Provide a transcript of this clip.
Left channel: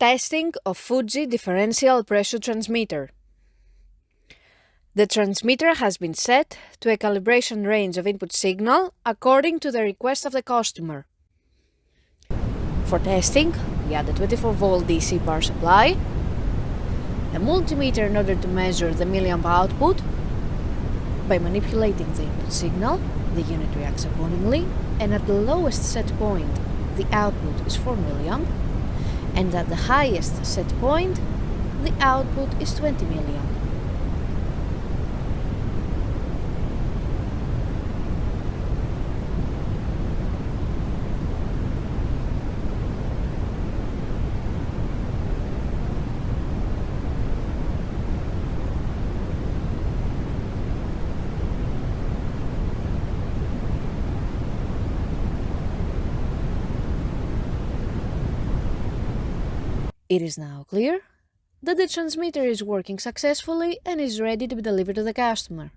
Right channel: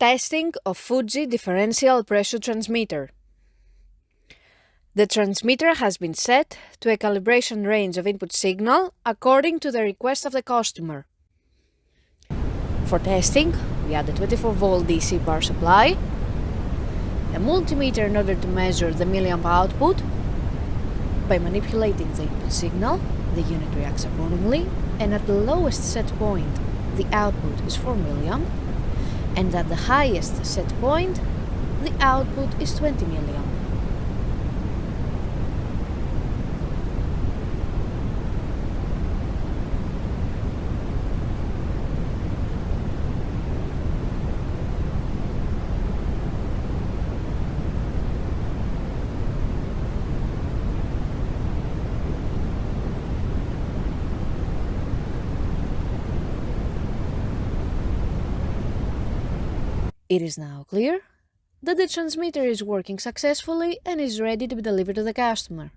Testing of Fuji Differential Pressure Transmitter. The transmitter has been set to a calibration range of input signal according to the request of the customer. For testing, we add a 24-volt DC power supply, a multimeter in order to measure the milliamp output. By manipulating the input signal, the unit reacts accordingly, and at the lowest set point, the output is 4 milliamp, and at the highest set point, the output is 20 milliamp. It is now clear that the transmitter is working successfully and is ready to be delivered to the customer.